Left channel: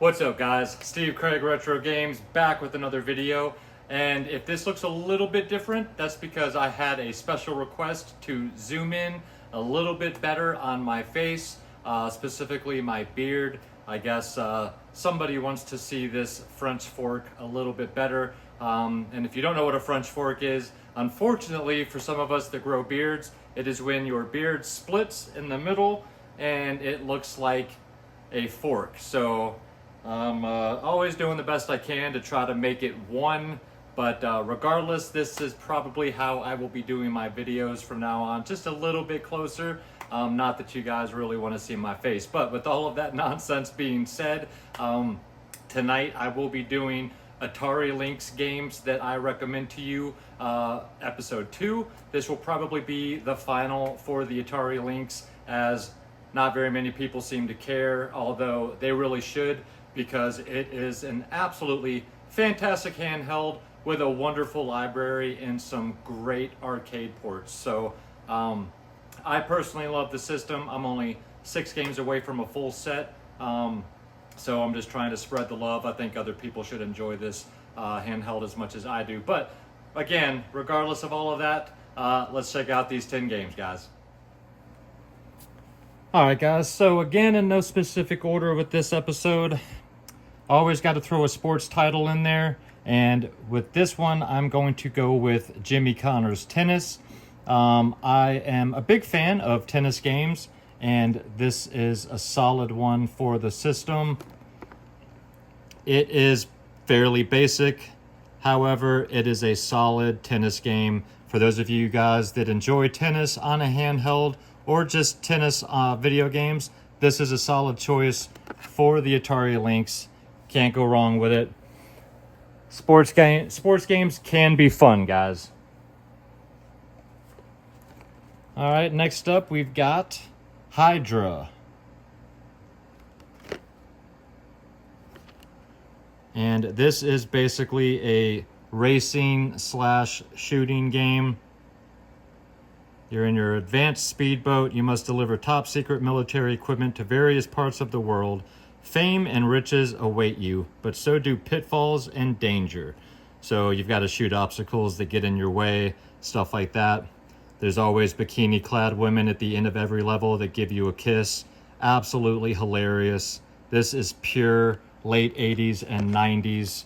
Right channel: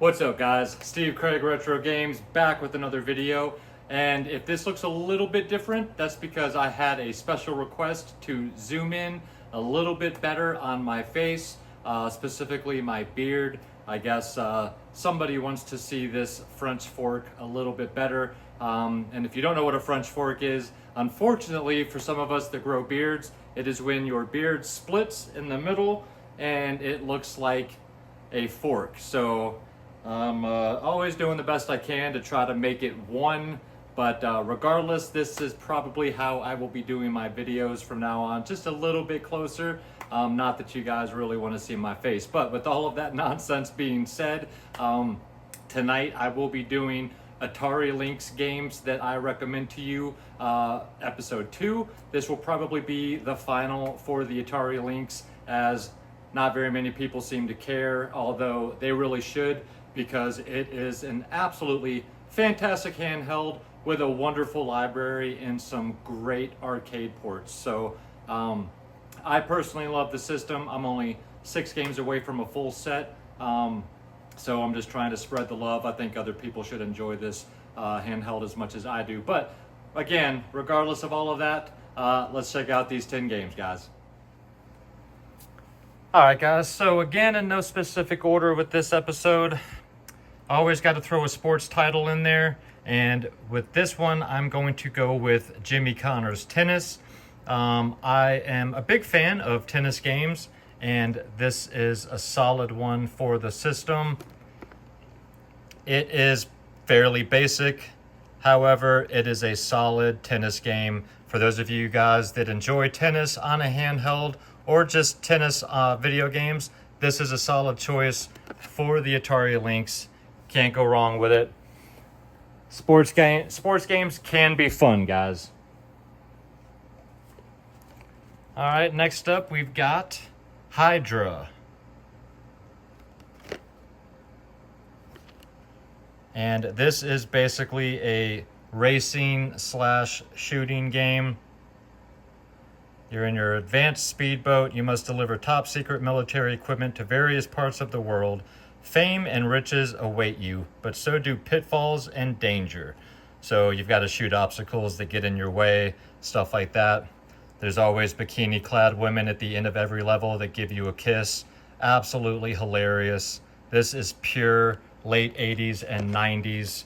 What's up guys? Steve Craig Retro Games back with another video, and if this looks a little bit different, that's because I had a special request to zoom in a little bit better on my face, specifically my beard. I guess somebody wants to see this French fork a little bit better, and if you don't know what a French fork is, unfortunately for some of us that grow beards, it is when your beard splits in the middle and it looks like a fork. So I'm always doing the best I can to try to make it one, but regardless, this is probably how I will be doing my videos from now on, just a little bit closer. Not that you guys really want to see my face, but with all of that nonsense being said, tonight I will be doing Atari Lynx games that I recommend to you, episode 2. This will probably be the final for the Atari Lynx, as not very many people seem to care, although they really should, because it is an absolutely fantastic handheld with a wonderful library and some great arcade ports. So I personally love the system. I'm only 6 games away from a full set, so I'm just trying to spread the love. I think other people should enjoy this handheld as much as I do. But again, regardless of all of that, let's check out these 10 games, guys. Alright guys, so again, in no specific order with this episode, I always got to throw a sports title in there, and with this one I'm going to go with Jimmy Connor's Tennis. I am a big fan of tennis games, and this is a solid one for the system. It is fairly basic, however, it is a solid tennis game. For those of you guys that enjoy tennis on a handheld or just tennis video games, this is a solid choice for the Atari Lynx. Can't go wrong with it. Sports games can be fun, guys. All right, next up we've got Hydra. And this is basically a racing / shooting game. You're in your advanced speedboat. You must deliver top secret military equipment to various parts of the world. Fame and riches await you, but so do pitfalls and danger. So you've got to shoot obstacles that get in your way, stuff like that. There's always bikini-clad women at the end of every level that give you a kiss. Absolutely hilarious. This is pure late 80s and 90s,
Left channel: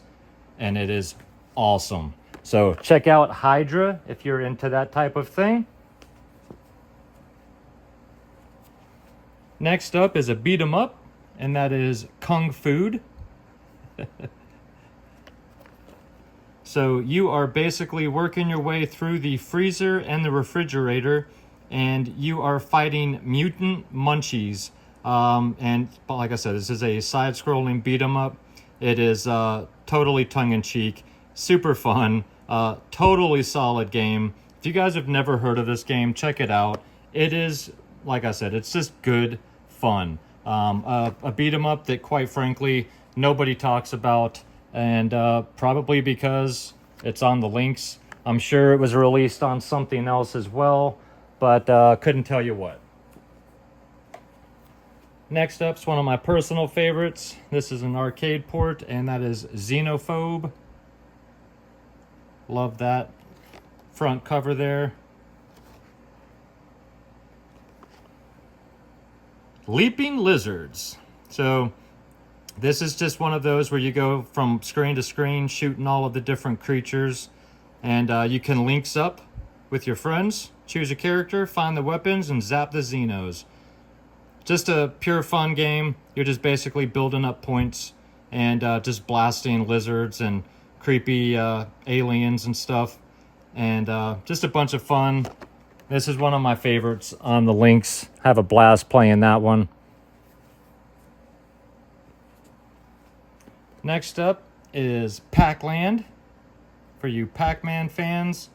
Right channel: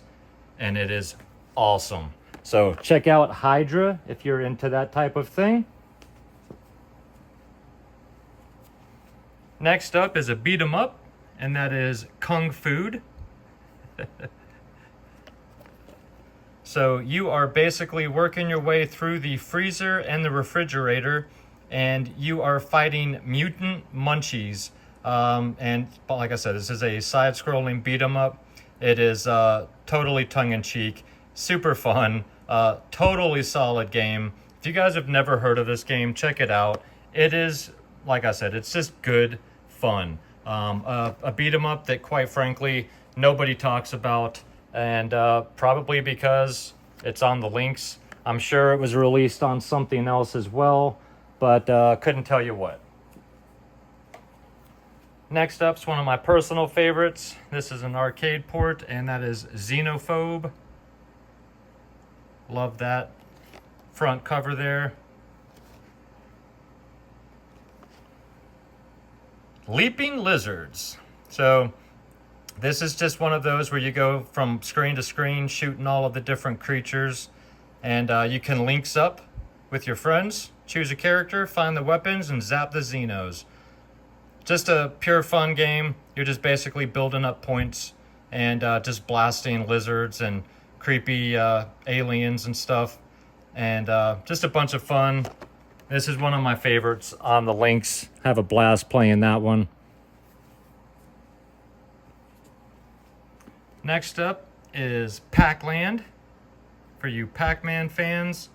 and it is awesome. So check out Hydra if you're into that type of thing. Next up is a beat 'em up, and that is Kung Fu. So you are basically working your way through the freezer and the refrigerator, and you are fighting mutant munchies. And like I said, this is a side-scrolling beat 'em up. It is totally tongue-in-cheek, super fun, totally solid game. If you guys have never heard of this game, check it out. It is, like I said, it's just good fun. A beat 'em up that, quite frankly, nobody talks about, and probably because it's on the Lynx. I'm sure it was released on something else as well, but couldn't tell you what. Next up's one of my personal favorites. This is an arcade port, and that is Xenophobe. Love that front cover there. Leaping Lizards. So this is just one of those where you go from screen to screen shooting all of the different creatures, and you can lynx up with your friends, choose a character, find the weapons, and zap the Xenos. Just a pure fun game. You're just basically building up points and just blasting lizards and creepy aliens and stuff, and just a bunch of fun. This is one of my favorites on the Lynx. Have a blast playing that one. Next up is Pac-Land. For you Pac-Man fans,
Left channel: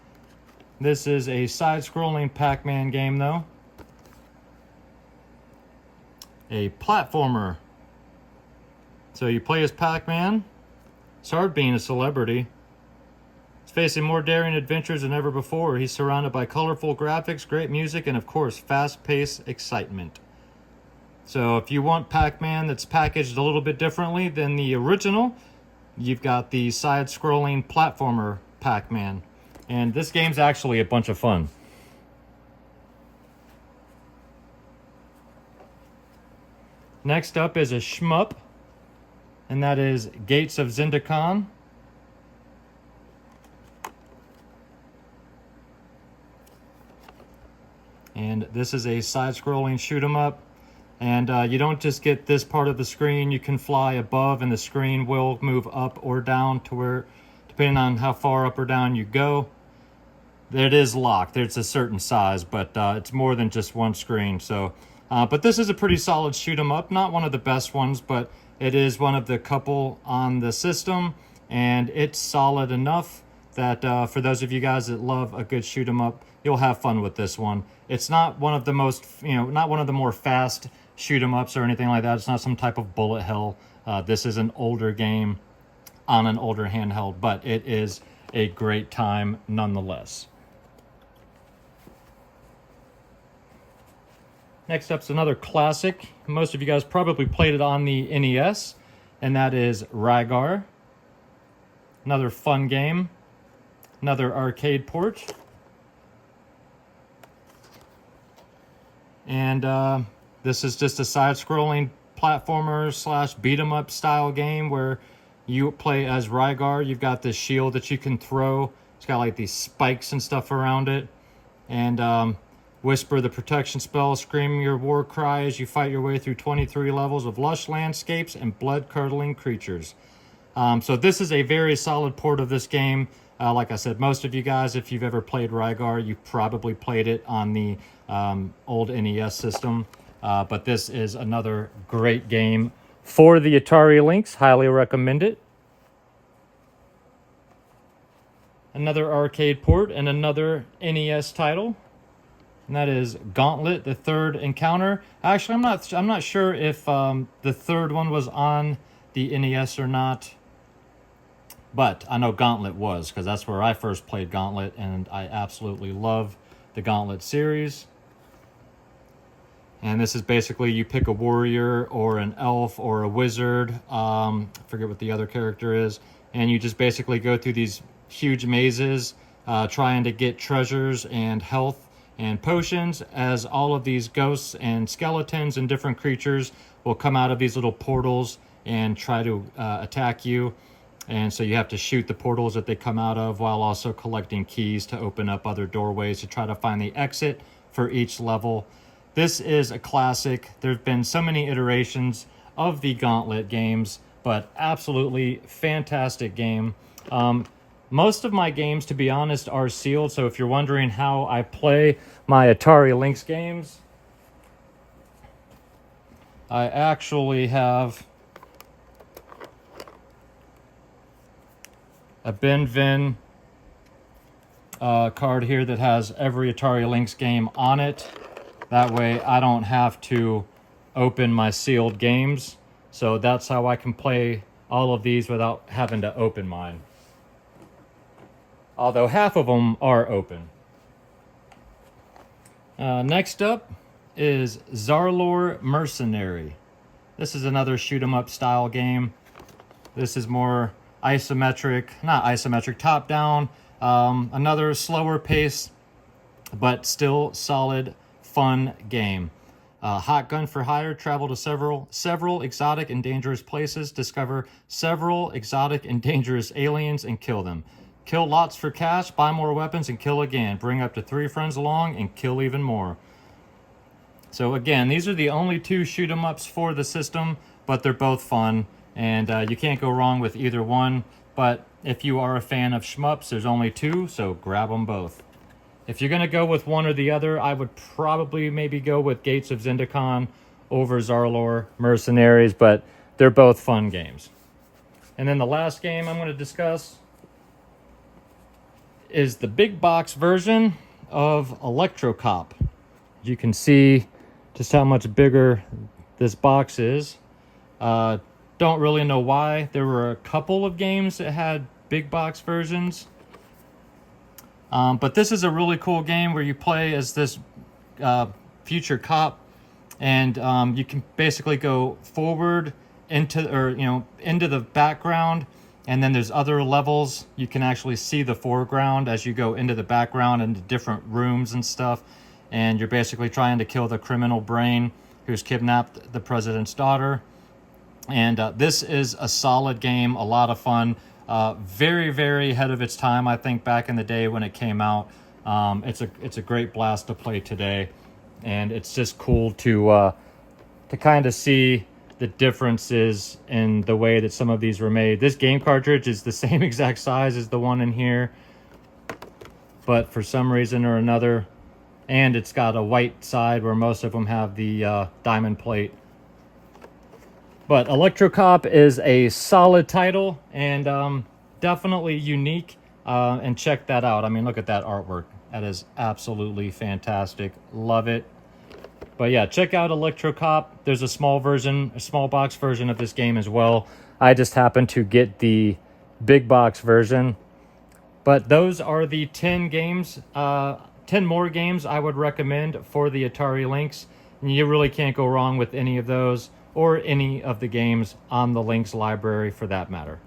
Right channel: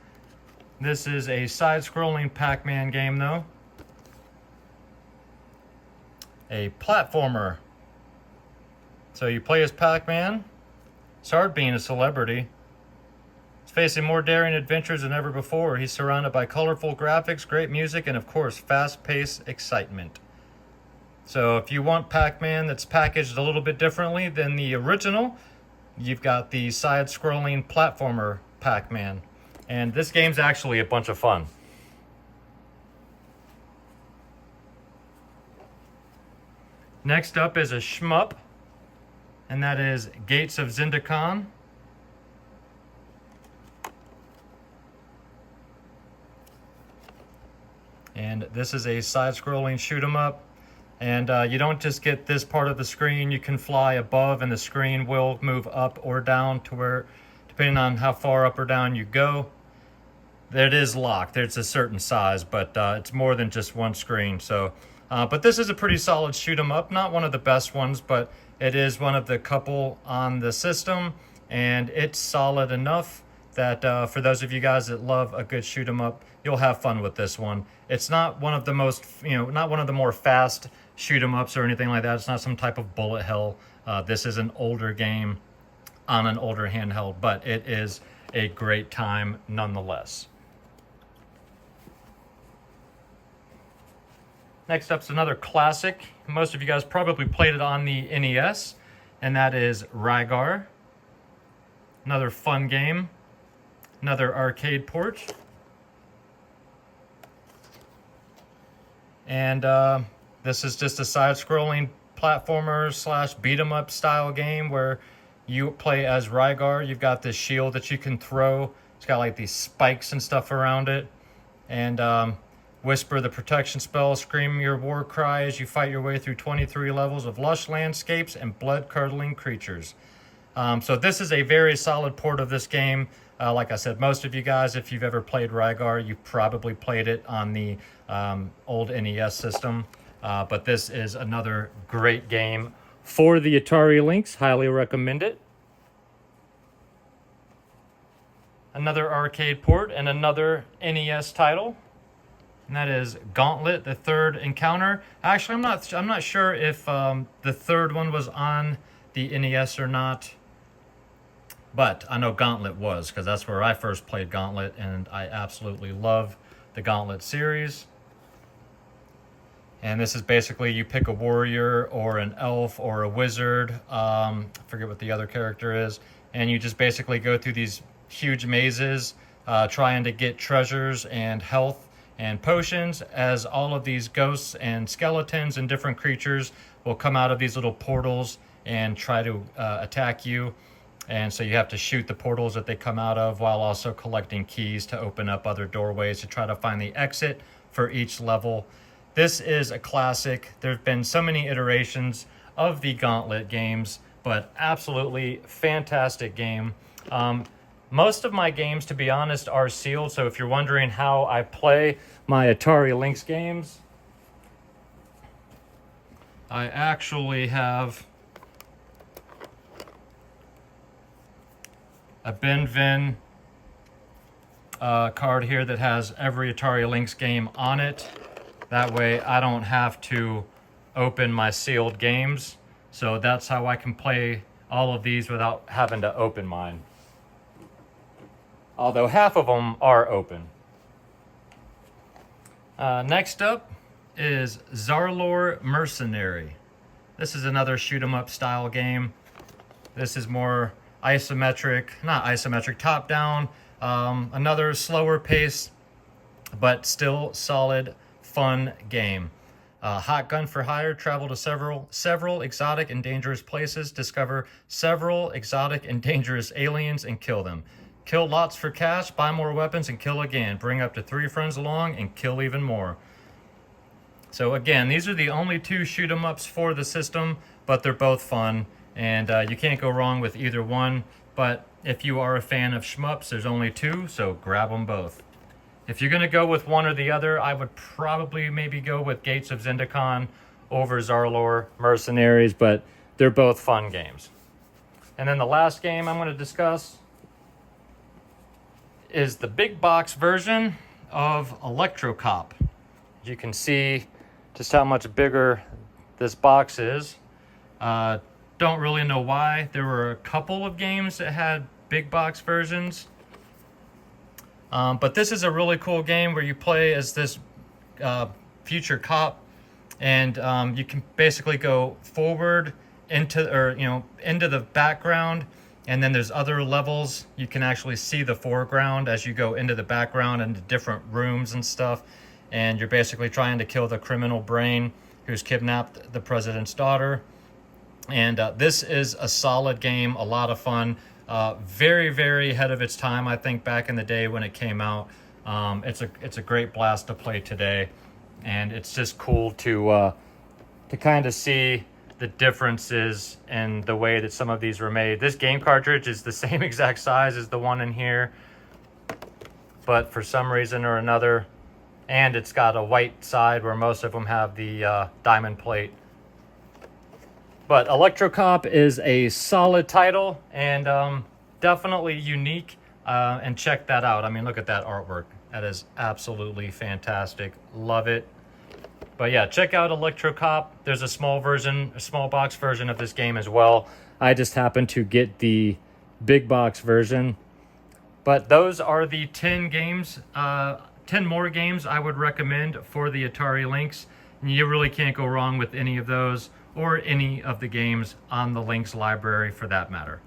this is a side-scrolling Pac-Man game though. A platformer. So you play as Pac-Man. It's hard being a celebrity. He's facing more daring adventures than ever before. He's surrounded by colorful graphics, great music, and of course, fast-paced excitement. So if you want Pac-Man that's packaged a little bit differently than the original, you've got the side-scrolling platformer Pac-Man. And this game's actually a bunch of fun. Next up is a shmup, and that is Gates of Zindakon. And this is a side-scrolling shoot-'em-up. And you don't just get this part of the screen, you can fly above and the screen will move up or down to where, depending on how far up or down you go. It is locked, it's a certain size, but it's more than just one screen. So, but this is a pretty solid shoot 'em up, not one of the best ones, but it is one of the couple on the system, and it's solid enough that for those of you guys that love a good shoot 'em up, you'll have fun with this one. It's not one of the most, not one of the more fast shoot 'em ups or anything like that. It's not some type of bullet hell. This is an older game on an older handheld, but it is a great time nonetheless. Next up's another classic. Most of you guys probably played it on the NES, and that is Rygar. Another fun game. Another arcade port. And this is just a side-scrolling platformer slash beat-em-up style game where you play as Rygar. You've got this shield that you can throw. It's got like these spikes and stuff around it. And whisper the protection spell, scream your war cry as you fight your way through 23 levels of lush landscapes and blood-curdling creatures. So this is a very solid port of this game. Like I said, most of you guys, if you've ever played Rygar, you've probably played it on the old NES system. But this is another great game for the Atari Lynx. Highly recommend it. Another arcade port and another NES title. And that is Gauntlet, the Third Encounter. Actually, I'm not sure if the third one was on the NES or not. But I know Gauntlet was, because that's where I first played Gauntlet, and I absolutely love the Gauntlet series. And this is basically you pick a warrior or an elf or a wizard, I forget what the other character is, and you just basically go through these huge mazes trying to get treasures and health and potions, as all of these ghosts and skeletons and different creatures will come out of these little portals and try to attack you. And so you have to shoot the portals that they come out of while also collecting keys to open up other doorways to try to find the exit for each level. This is a classic. There's been so many iterations of the Gauntlet games, but absolutely fantastic game. Most of my games, to be honest, are sealed. So if you're wondering how I play my Atari Lynx games, I actually have a Ben Vin card here that has every Atari Lynx game on it. That way I don't have to open my sealed games. So that's how I can play all of these without having to open mine. Although half of them are open. Next up is Zarlor Mercenary. This is another shoot 'em up style game. This is more top down, another slower pace, but still solid, fun game. Hot gun for hire, travel to several exotic and dangerous places, discover several exotic and dangerous aliens and kill them. Kill lots for cash, buy more weapons, and kill again. Bring up to 3 friends along and kill even more. So again, these are the only 2 shoot 'em ups for the system, but they're both fun. And you can't go wrong with either one. But if you are a fan of shmups, there's only 2, so grab them both. If you're going to go with one or the other, I would probably maybe go with Gates of Zindakon over Zarlor Mercenaries, but they're both fun games. And then the last game I'm going to discuss is the big box version of Electroc Cop. You can see just how much bigger this box is. Don't really know why. There were a couple of games that had big box versions. But this is a really cool game where you play as this future cop, and you can basically go forward into, or into the background, and then there's other levels. You can actually see the foreground as you go into the background, into different rooms and stuff, and you're basically trying to kill the criminal brain who's kidnapped the president's daughter. And this is a solid game, a lot of fun, very, very ahead of its time, I think, back in the day when it came out. It's a great blast to play today, and it's just cool to kind of see the differences in the way that some of these were made. This game cartridge is the same exact size as the one in here, but for some reason or another, and it's got a white side where most of them have the diamond plate. But Electroc Cop is a solid title, and definitely unique, and check that out. I mean, look at that artwork. That is absolutely fantastic. Love it. But yeah, check out Electroc Cop. There's a small version, a small box version of this game as well. I just happened to get the big box version. But those are the 10 games, 10 more games I would recommend for the Atari Lynx. And you really can't go wrong with any of those, or any of the games on the Lynx library for that matter.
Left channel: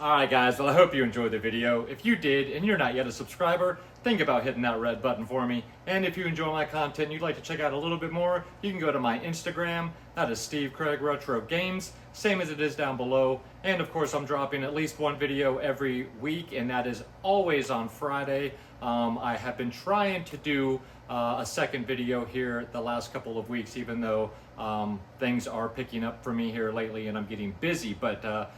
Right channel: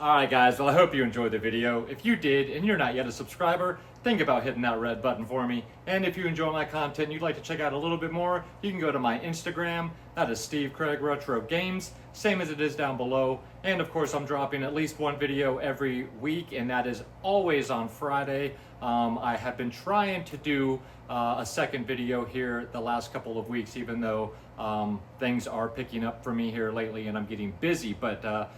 Alright guys, well I hope you enjoyed the video. If you did and you're not yet a subscriber, think about hitting that red button for me. And if you enjoy my content and you'd like to check out a little bit more, you can go to my Instagram. That is Steve Craig Retro Games, same as it is down below. And of course I'm dropping at least one video every week, and that is always on Friday. I have been trying to do a second video here the last couple of weeks, even though things are picking up for me here lately and I'm getting busy. But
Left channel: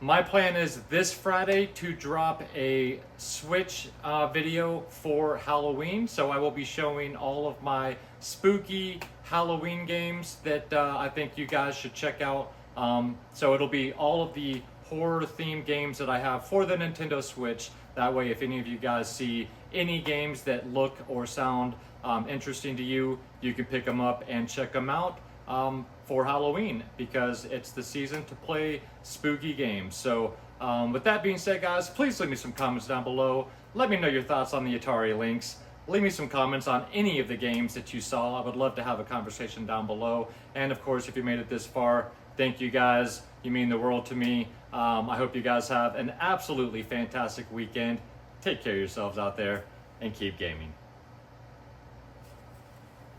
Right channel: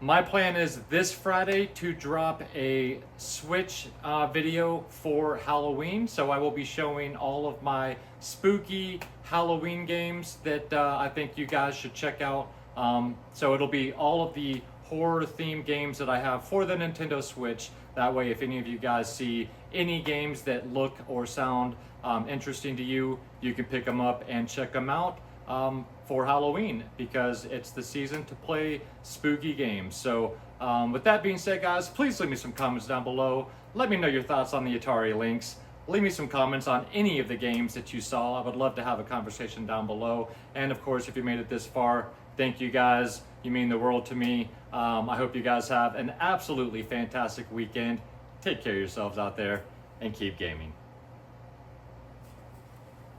my plan is this Friday to drop a Switch video for Halloween. So I will be showing all of my spooky Halloween games that I think you guys should check out. So it'll be all of the horror themed games that I have for the Nintendo Switch. That way, if any of you guys see any games that look or sound interesting to you, you can pick them up and check them out for Halloween, because it's the season to play spooky games. So with that being said, guys, please leave me some comments down below. Let me know your thoughts on the Atari Lynx. Leave me some comments on any of the games that you saw. I would love to have a conversation down below. And of course, if you made it this far, thank you guys. You mean the world to me. I hope you guys have an absolutely fantastic weekend. Take care of yourselves out there and keep gaming.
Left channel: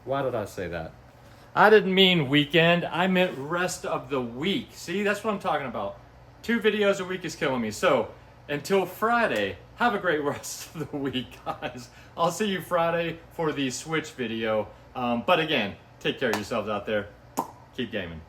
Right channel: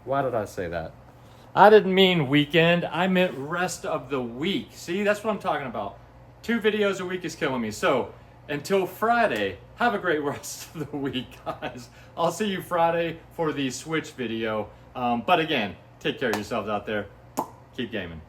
Why did I say that? I didn't mean weekend. I meant rest of the week. See, that's what I'm talking about. 2 videos a week is killing me. So until Friday, have a great rest of the week, guys. I'll see you Friday for the Switch video. But again, take care of yourselves out there. Keep gaming.